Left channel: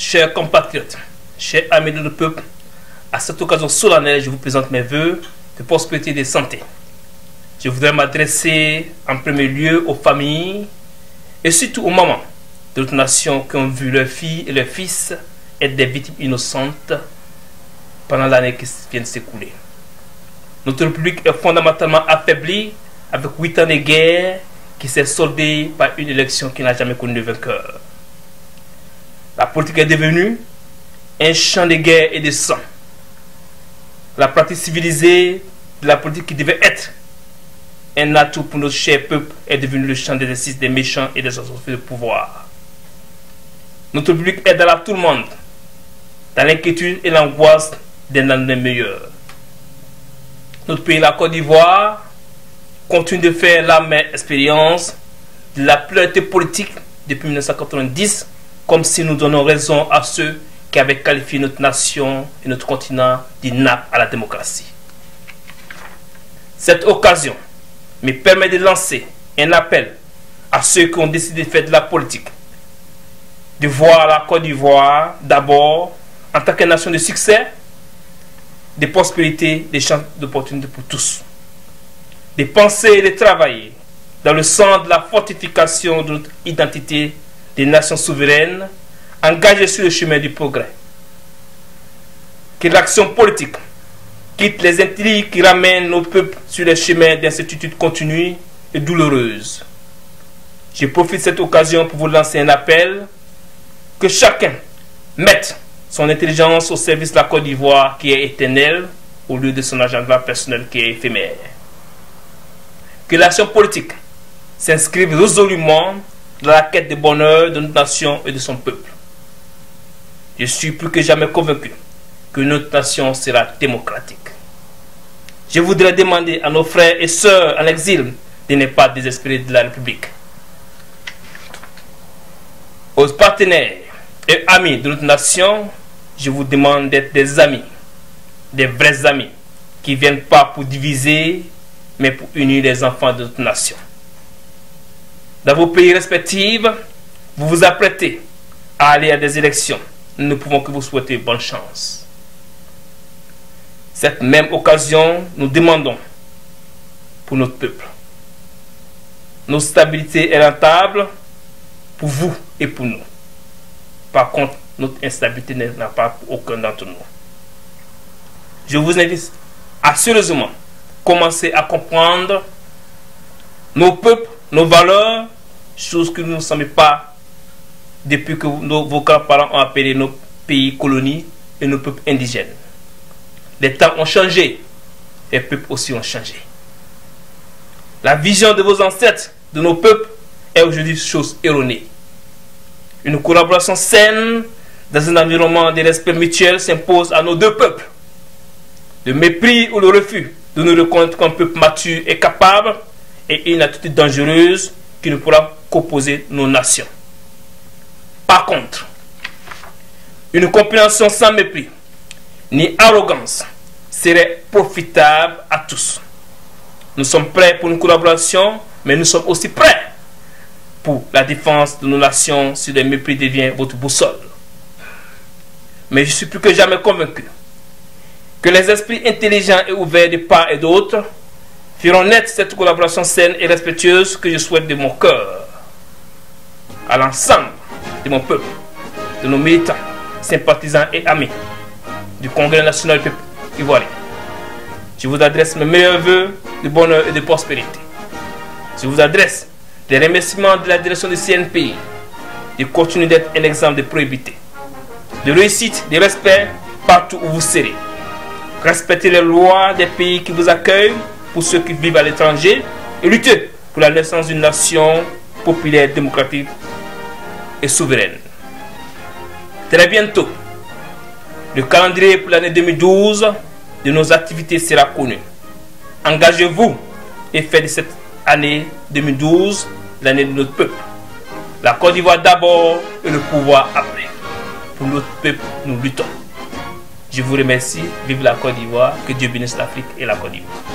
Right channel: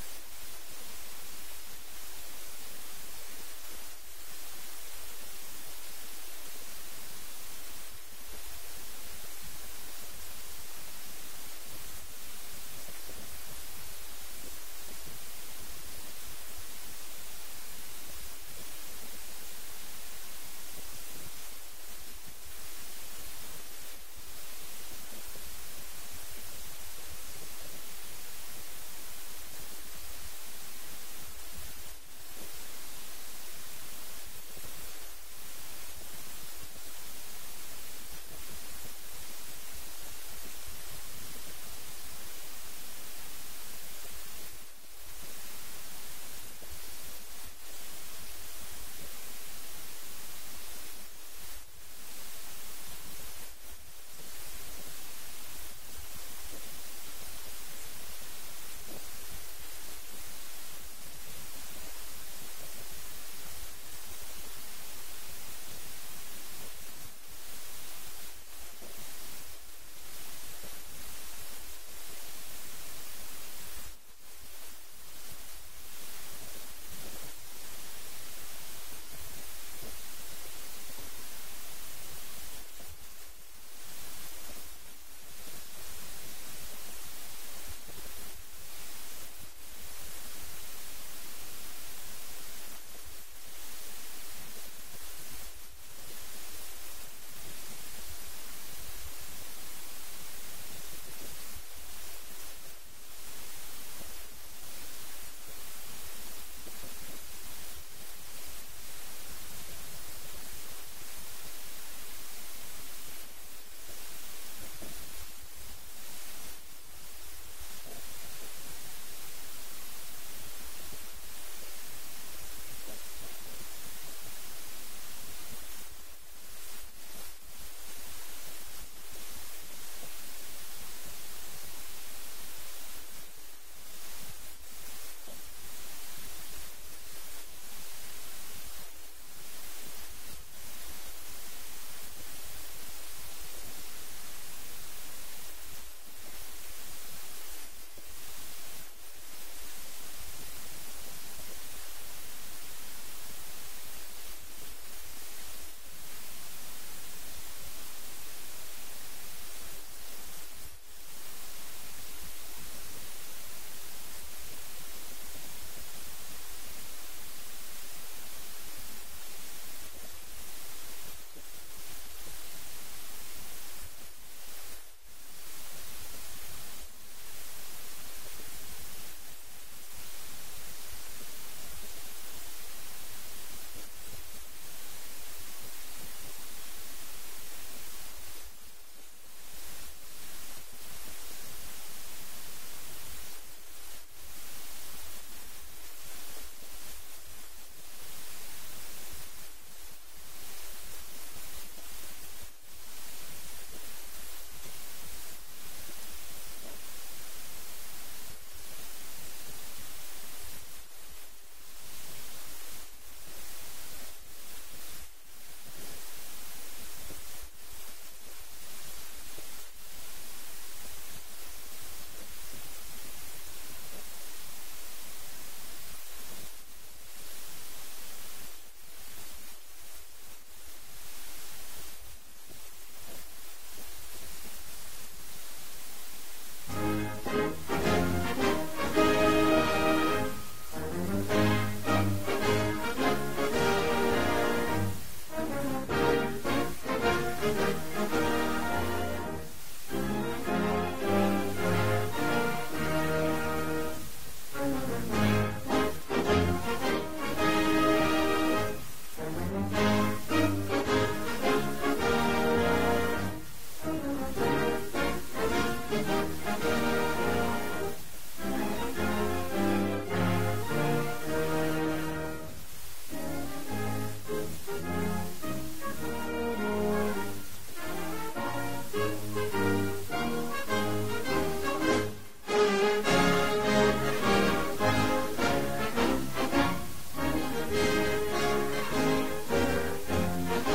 chers compatriotes, chers amis de notre peuple, à cette occasion solennelle, je vous présente mes vœux de prospérité et de santé. Je voudrais m'adresser en premier lieu aux familles et surtout aux mamans de notre nation qui ont vu leurs filles et leurs fils être des victimes innocentes pendant l'année qui vient de s'écouler. Notre République est fondamentalement affaiblie avec 8 ans de guerre qui s'est soldée par une élection qui n'a jamais connu de vainqueur. La politique est devenue un champ de guerre et de sang. La pratique civilisée de la politique qui devait être un atout pour notre cher peuple est devenue le champ d'exercice des méchants et des associés de pouvoir. Notre public est dans la tout le monde, dans l'inquiétude et l'angoisse des années meilleures. Notre pays, la Côte d'Ivoire, continue de faire la même expérience de la pluralité politique depuis 1990, comme si nous donnons raison à ceux qui avaient qualifié notre nation et notre continent d'inapte à la démocratie. Cette occasion me permet de lancer un appel à ceux qui ont décidé de faire de la politique, de voir la Côte d'Ivoire d'abord en tant que nation de succès, de prospérité, des chances d'opportunités pour tous, de penser et de travailler dans le sens de la fortification de notre identité des nations souveraines engagées sur le chemin du progrès. Que l'action politique quitte les intrigues qui ramènent nos peuples sur les chemins d'incertitude continue et douloureuse. Je profite de cette occasion pour vous lancer un appel que chacun mette son intelligence au service de la Côte d'Ivoire qui est éternelle au lieu de son agenda personnel qui est éphémère. Que l'action politique s'inscrive résolument dans la quête de bonheur de notre nation et de son peuple. Je suis plus que jamais convaincu que notre nation sera démocratique. Je voudrais demander à nos frères et sœurs en exil de ne pas désespérer de la République. Aux partenaires et amis de notre nation, je vous demande d'être des amis, des vrais amis, qui ne viennent pas pour diviser, mais pour unir les enfants de notre nation. Dans vos pays respectifs, vous vous apprêtez à aller à des élections. Nous ne pouvons que vous souhaiter bonne chance. Cette même occasion, nous demandons pour notre peuple. Notre stabilité est rentable pour vous et pour nous. Par contre, notre instabilité n'a pas pour aucun d'entre nous. Je vous invite à sérieusement commencer à comprendre nos peuples, nos valeurs, chose que nous ne savons pas depuis que vos grands-parents ont appelé nos pays colonies et nos peuples indigènes. Les temps ont changé, les peuples aussi ont changé. La vision de vos ancêtres, de nos peuples, est aujourd'hui chose erronée. Une collaboration saine dans un environnement de respect mutuel s'impose à nos deux peuples. Le mépris ou le refus de nous reconnaître comme peuple mature et capable est une attitude dangereuse qui ne pourra qu'opposer nos nations. Par contre, une compréhension sans mépris ni arrogance serait profitable à tous. Nous sommes prêts pour une collaboration, mais nous sommes aussi prêts pour la défense de nos nations si le mépris devient votre boussole. Mais je suis plus que jamais convaincu que les esprits intelligents et ouverts de part et d'autre feront naître cette collaboration saine et respectueuse que je souhaite de mon cœur à l'ensemble de mon peuple, de nos militants, sympathisants et amis du Congrès national du peuple ivoirien. Je vous adresse mes meilleurs vœux de bonheur et de prospérité. Je vous adresse des remerciements de la direction du CNPI de continuer d'être un exemple de probité, de réussite, de respect partout où vous serez. Respectez les lois des pays qui vous accueillent pour ceux qui vivent à l'étranger et lutter pour la naissance d'une nation populaire, démocratique et souveraine. Très bientôt, le calendrier pour l'année 2012 de nos activités sera connu. Engagez-vous et faites de cette année 2012 l'année de notre peuple. La Côte d'Ivoire d'abord et le pouvoir après. Pour notre peuple, nous luttons. Je vous remercie. Vive la Côte d'Ivoire. Que Dieu bénisse l'Afrique et la Côte d'Ivoire.